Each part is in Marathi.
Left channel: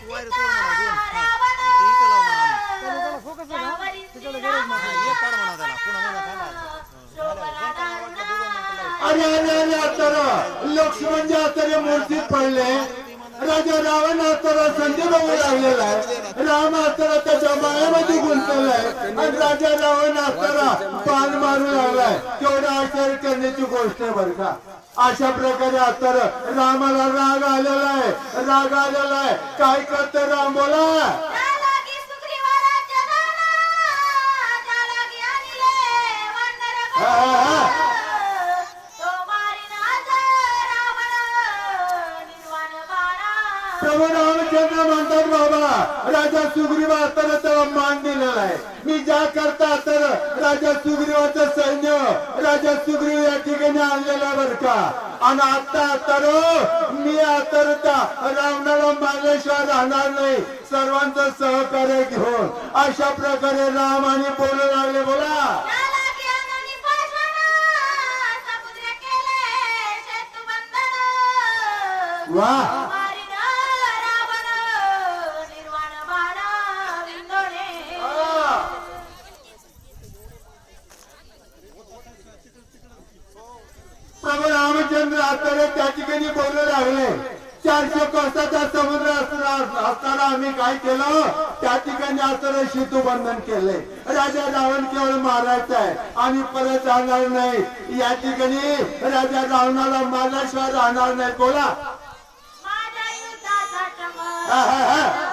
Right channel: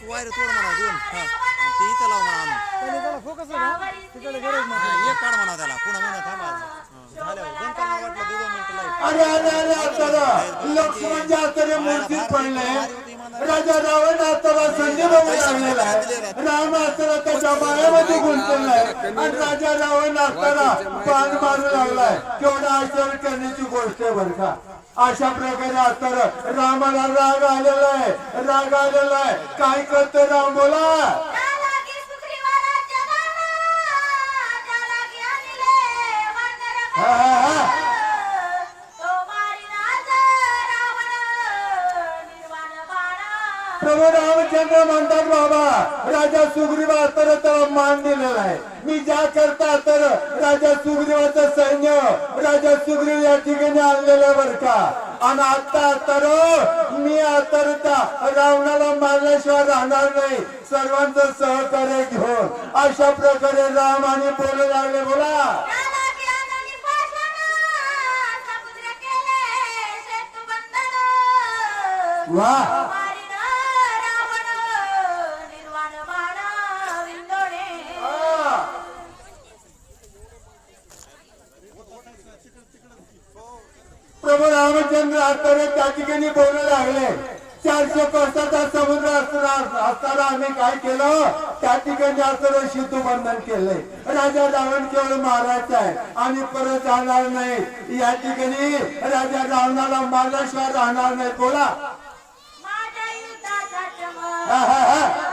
एक वायर तोड म्हणा दोन हा. आणि ते इथं लाव म्हणा त्याला फोकस तिकडे गरज नाही हा, एक काढ म्हणा त्याला पुन्हा म्हणा झाल्यावर दोन काढ वाटलं दोन मिनिटं लाइट. अरे अरे अरे आता लक्ष्मण जे आता मूर्तीत पडले राजा रावण आता संधी लागलेला आहे राम आता त्याच्या मायामध्ये गुंतलेला आहे आणि राजा रावण आता पान मारू लागलाय केवढा आचार करण्याची गोष्ट आहे बरं का अशा प्रकारे आता रामाला राग आलेला आहे. राग आलेला आहे. काय करतो राम बोला? आहे मी ज्या करता तर राजा सुग्रीवाचं सैन्य राजा सुग्रीव या ठिकाणी आणलेलं बरं का. आणि आता तर मी आता रावणाला मारल्याशिवाय राहणार नाही. सर्वांचं सहकार्य घेऊन अशा प्रकारे राम आणि बोलू. लागले बोला. वा. रामचंद्र असताना त्या ठिकाणी बोलू लागले. चारशे कोसाचा समुद्र असताना आम्ही काय केलं? त्या ठिकाणी असताना शितू बंधन केले. राजा रावण केवळ मारायचा आहे. आणि परत जाणार नाही. या ठिकाणी राजा रावणाला मारल्याशिवाय राहणार नाही. बोला. हा, हा, हा.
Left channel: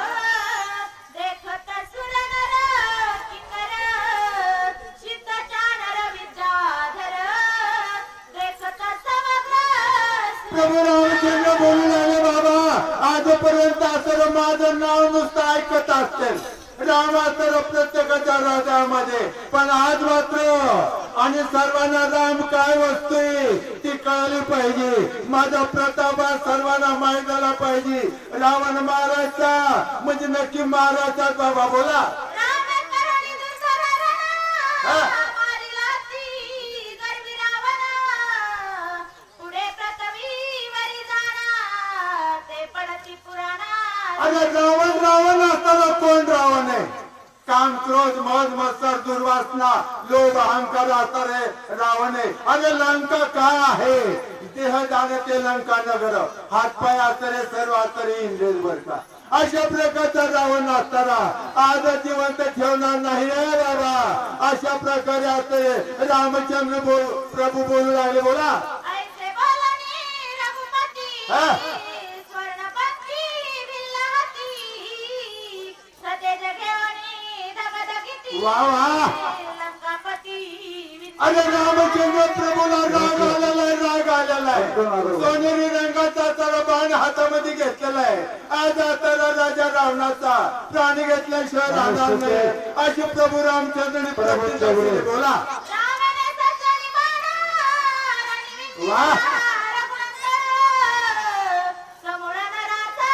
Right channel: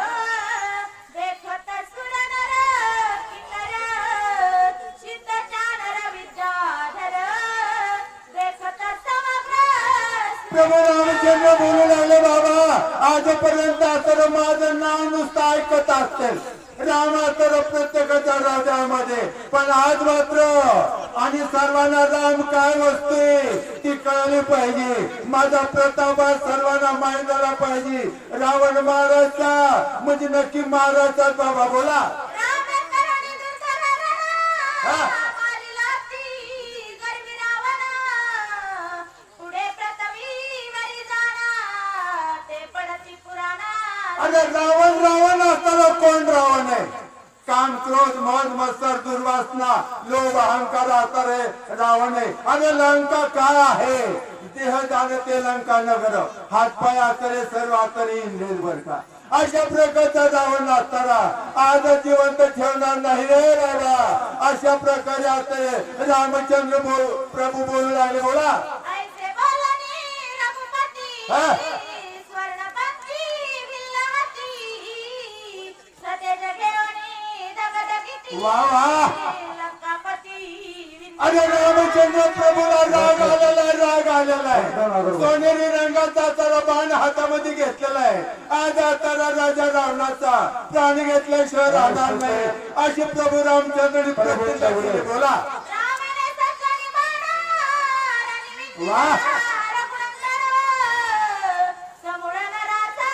बोलू लागले बाबा आजपर्यंत असं माझं नाव नुसतं ऐकत असते राम तर प्रत्येकाच्या राजामध्ये. पण आज मात्र आणि सर्वांना राम काय वस्तू? ती कळली पाहिजे. माझा प्रताप सर्वांना माहीत झाला पाहिजे. रावण महाराजचा म्हणजे नक्की महाराजचा बाबा बोला. कोण रावण आहे काम क्रोध मौज मत्सर दुर्वासना लोभ अहंकार आता रे रावण. अरे लंका काय आहे? देह जाणे ते लंका नगर. हातपाय आतरे सर्व आतरे बर का अशा प्रकारचा रावण असताना आज जिवंत ठेवणार नाही रे बाबा. अशा प्रकारे आता रामचंद्र बोल प्रभू बोलू लागले बोला. वा वा. अरे रामचंद्र प्रभूला राग आलेला आहे राग आलेला आहे सोनेरी रंगाचा तर बाण हातामध्ये घेतलेला आहे आज आता राजा रावणाचा प्राण घेतल्याशिवाय राहणार नाही अशी प्रभू रामचंद्र प्रतिज्ञा केली. बोला. वा. समूळ नराचा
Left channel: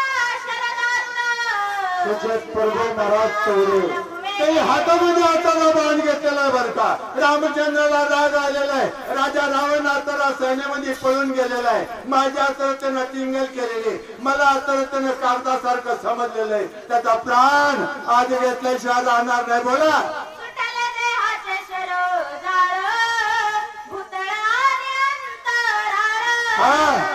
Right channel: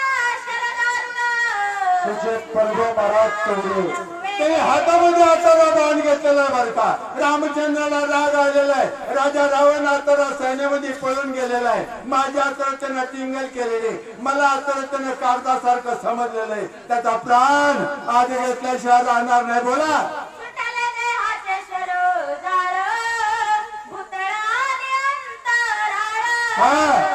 शरदारुण. ते हातामध्ये आता बाण घेतलेला आहे बरं का. रामचंद्राला राग आलेला आहे. राजा रावण आता सैन्यामध्ये पळून गेलेला आहे. माझ्या त्यानं टिंगल केलेली मला आता त्यानं कागदासारखं समजलेलं आहे. त्याचा प्राण आज घेतल्याशिवाय राहणार नाही. बोला. हा.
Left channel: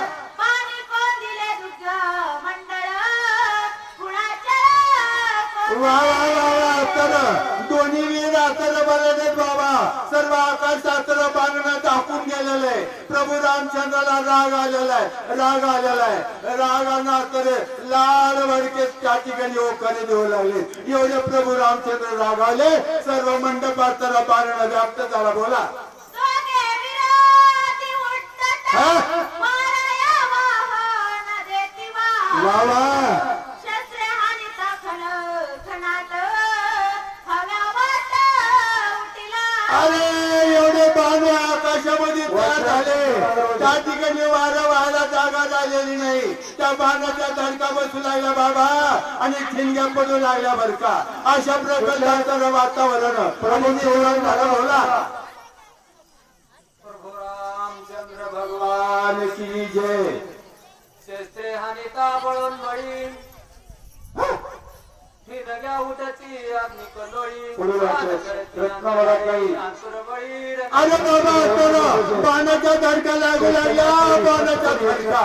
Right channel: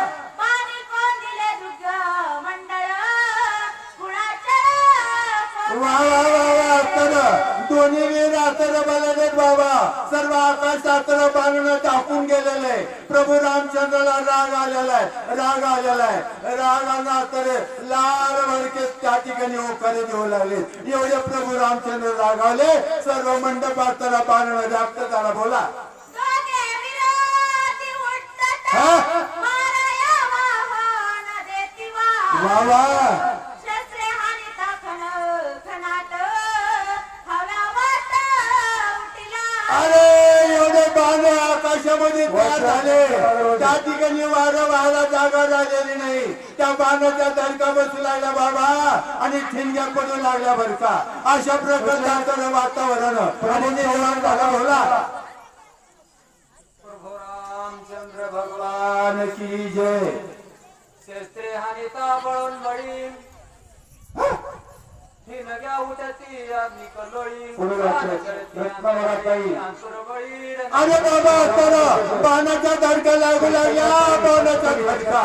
मंडळ, तर दोन्ही वीर आतर बलदेव बाबा. सर्व आकाश बाणून टाकून गेलेले प्रभू रामचंद्राला राग आलेला आहे राग आलेला आहे. रागाना तर लाल भडके त्या ठिकाणी होकारे देऊ लागले. एवढे प्रभू रामचंद्र राग आले सर्व मंडपात त्याला बाणून व्याप्त झाला बोला. वा अरे एवढे बाणे आकाशामध्ये तयार झाले. त्या ठिकाणी वारं व्हायला जागा झालेली नाही. त्या बाणाच्या धडका बसू लागल्या बाबा आणि ठिणग्या पडू लागल्या बर का. अशा प्रकारचं वातावरण. आणि झालं होला प्रभू रामचंद्र भगवान की जय. शस्त्रे हानिता बळून बळी. अरे बाबा तर पाण्याच्या धडका लागू लागल्या. पाण्याच्या धडका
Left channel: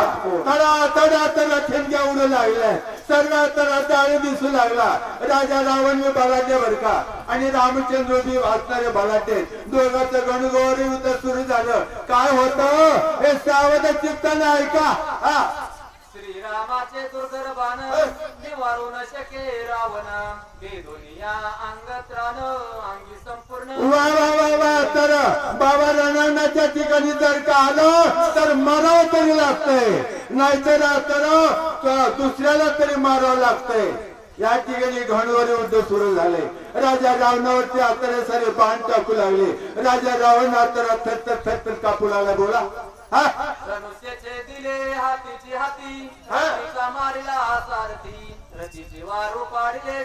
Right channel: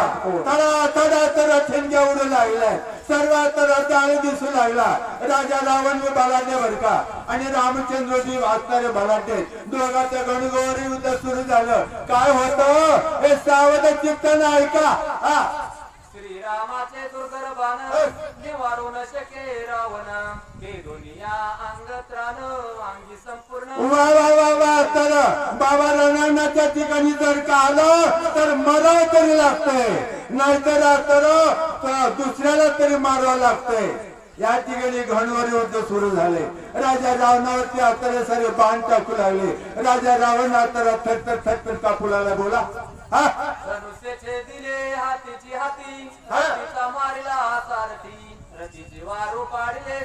तडा तडा तडा ठिणक्या उडू लागल्या. सर्व तडा जाळू दिसू लागला. राजा रावण मी बलाटे बर का? आणि रामचंद्रजी वाचणारे बलाटे दोघांचं गणगौरी युद्ध सुरू झालं. काय होतं? हे सावध चित्तानं ऐका श्रीरामाचे दुर्धर बाण निवारू न शके रावण. गेलोनिया अंग त्राण अंगी संपूर्ण वा वा वा वा तर बाबा रणांच्या ठिकाणी जर का आलं तर मराव तरी लागतंय नाहीतर तर दुसऱ्याला तरी मारावं लागतंय या ठिकाणी घणवर युद्ध सुरू झाले. राजा रावणावरती आता सारे बाण टाकू लागले. राजा रावण आता थटकर थटकर कापू लागला. बोला. हा धनुष्याचे दिले हातीची हाती हा. रतीचा मारिला सारथी. रतीचे वारू पाडले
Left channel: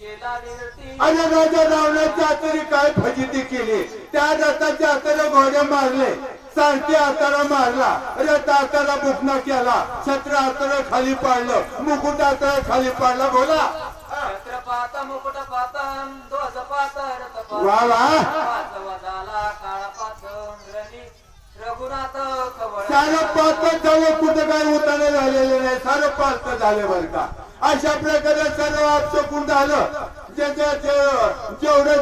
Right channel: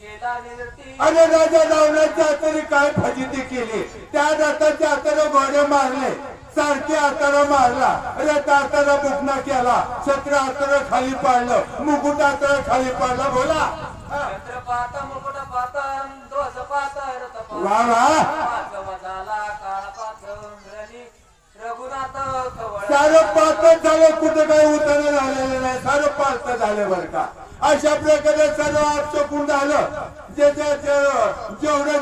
केला निरती. अरे राजा रावणाची आतरी काय फजिती केली? त्या रथाचे आतरे घोडे मारले. सारखे आतरा मारला. रथ आतरा बुकना केला. छत्र आतरा खाली पाडलं. मुकुट आतरा खाली पाडला. बोला. मुकुट ध्वज पात रथ वा वा. काळ पात सारं पाच झालं कुठं काही उतारा झालेलं नाही. सारं पाच झाले बर का. अशा प्रकारे सर्व आपचं झालं? जे जे जे- जेवढं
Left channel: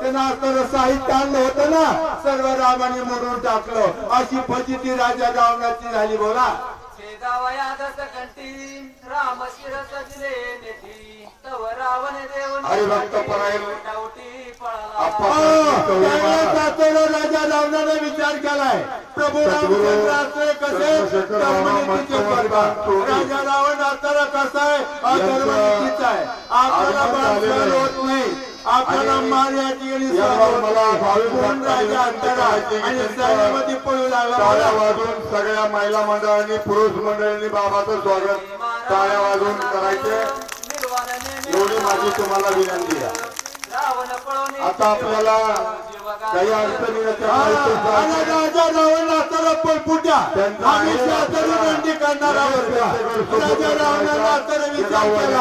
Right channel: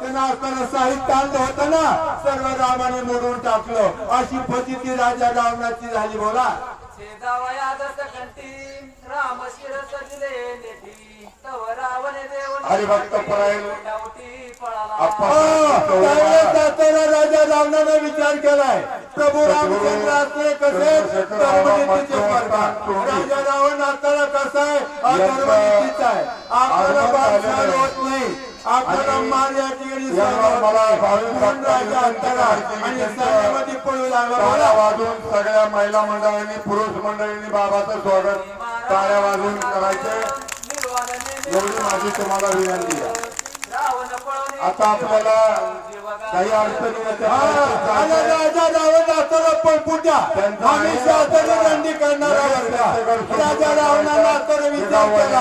त्यांना आतर साहित्य आणलं होतं ना सर्व रामाने मोडून टाकलं. अशी फजिती राजा रावणाची झाली बोला. अरे भक्त परायण. राजा रावणाने विचार केलाय. प्रभू रामचंद्र असले कसे रावण असताना कसा आहे? होत नाही. आपल्याला मार या ठिकाणी आणि सैन्यामध्ये पळू लागला. वाजून सगळ्या महिला मंडळांनी पुरुष मंडळांनी बाबाचं स्वागत टाळ्या वाजून करायचं. एवढी माझी तुम्हाला विनंती आहे. आता आपल्याला काही अडचणी आम्ही. सातारा दांडी करणार आहोत. विचार केला.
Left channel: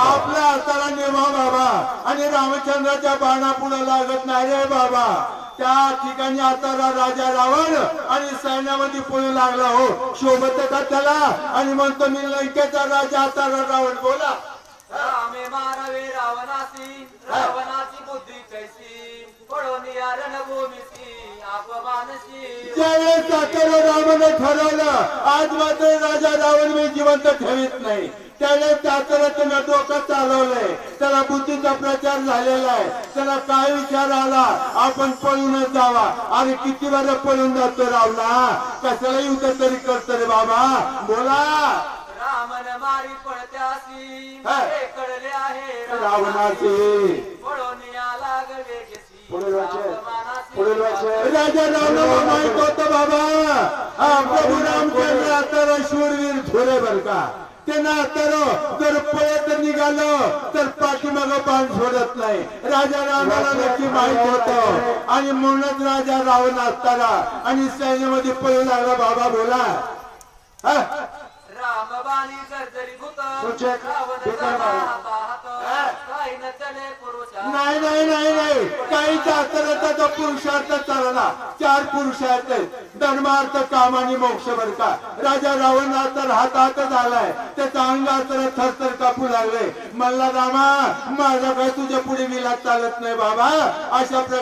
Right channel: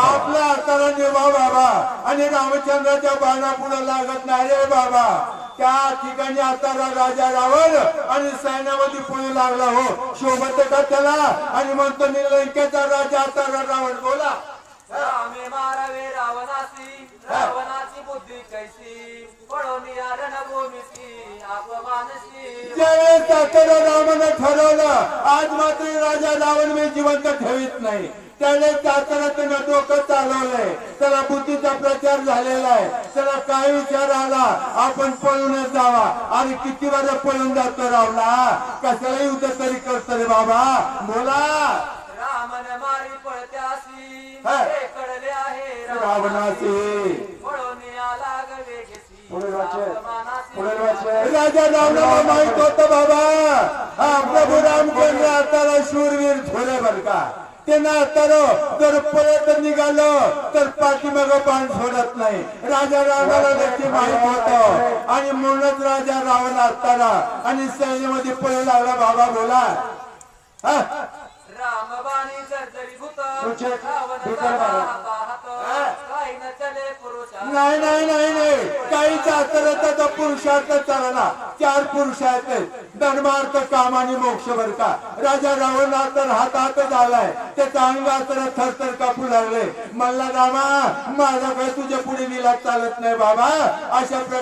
आपल्या हाताला निर्वा बाबा आणि रामचंद्राच्या बाणा पुढे लागत नाही रे बाबा. त्या ठिकाणी आता राजा रावण आणि सैन्यामध्ये पळू लागला हो. शोभत का त्याला. आणि म्हणतो मी लंकेचा राजा आता रावण. बोला. मारावे रावणासी रावणाची बुद्धी कैसी ज्यावेळेस सातारा रामाने ठरवलं आज मात्र राजा रावण मी जिवंत ठेवीत नाही. त्याने साताऱ्यातून डोकं चालवलंय. त्याला बुद्धीचा प्रचार झालेला आहे. त्याला काय विचार आला? आपण पळूनच जावा. अरे किती वेळा पळून जातो रावला? कशाला युद्ध तरी करतो रे बाबा. बोला. रामन मारी पळत्यासी कळले आहे रावणाची. लागले पुढील. अपमानासी पुढील वाक्य. राजा रावणाला माहीत होतं बाबा हा प्रभू रामचंद्र आता शूरवीर थोडे बर का त्यांना तर जर पळत निघालं तर पाठीमाग पान सोडत नाही राजा रावणाला नक्की माहीत होत आणि म्हणूनच राजा रावण असताना आणि सैन्यामध्ये पळू लागला बाबा बोला हा? रामबाणी जर्जरी भूत सुचेत, रावण सुचेत झाला बाबा. हातात. काही न चले पुरुषा नाही नाही नाही नाही काही त्याचा पुरुषार्थ चालला. चार पुरुषार्थ धर्मार्थ काम आणि मोक्ष बर का. राजा रावणा तर हातात झालाय त्याच्या अंगात थरथर कापू लागले. मला रामा माझा काय तुझ्या पुढे निला चालत नाही बाबा? अशा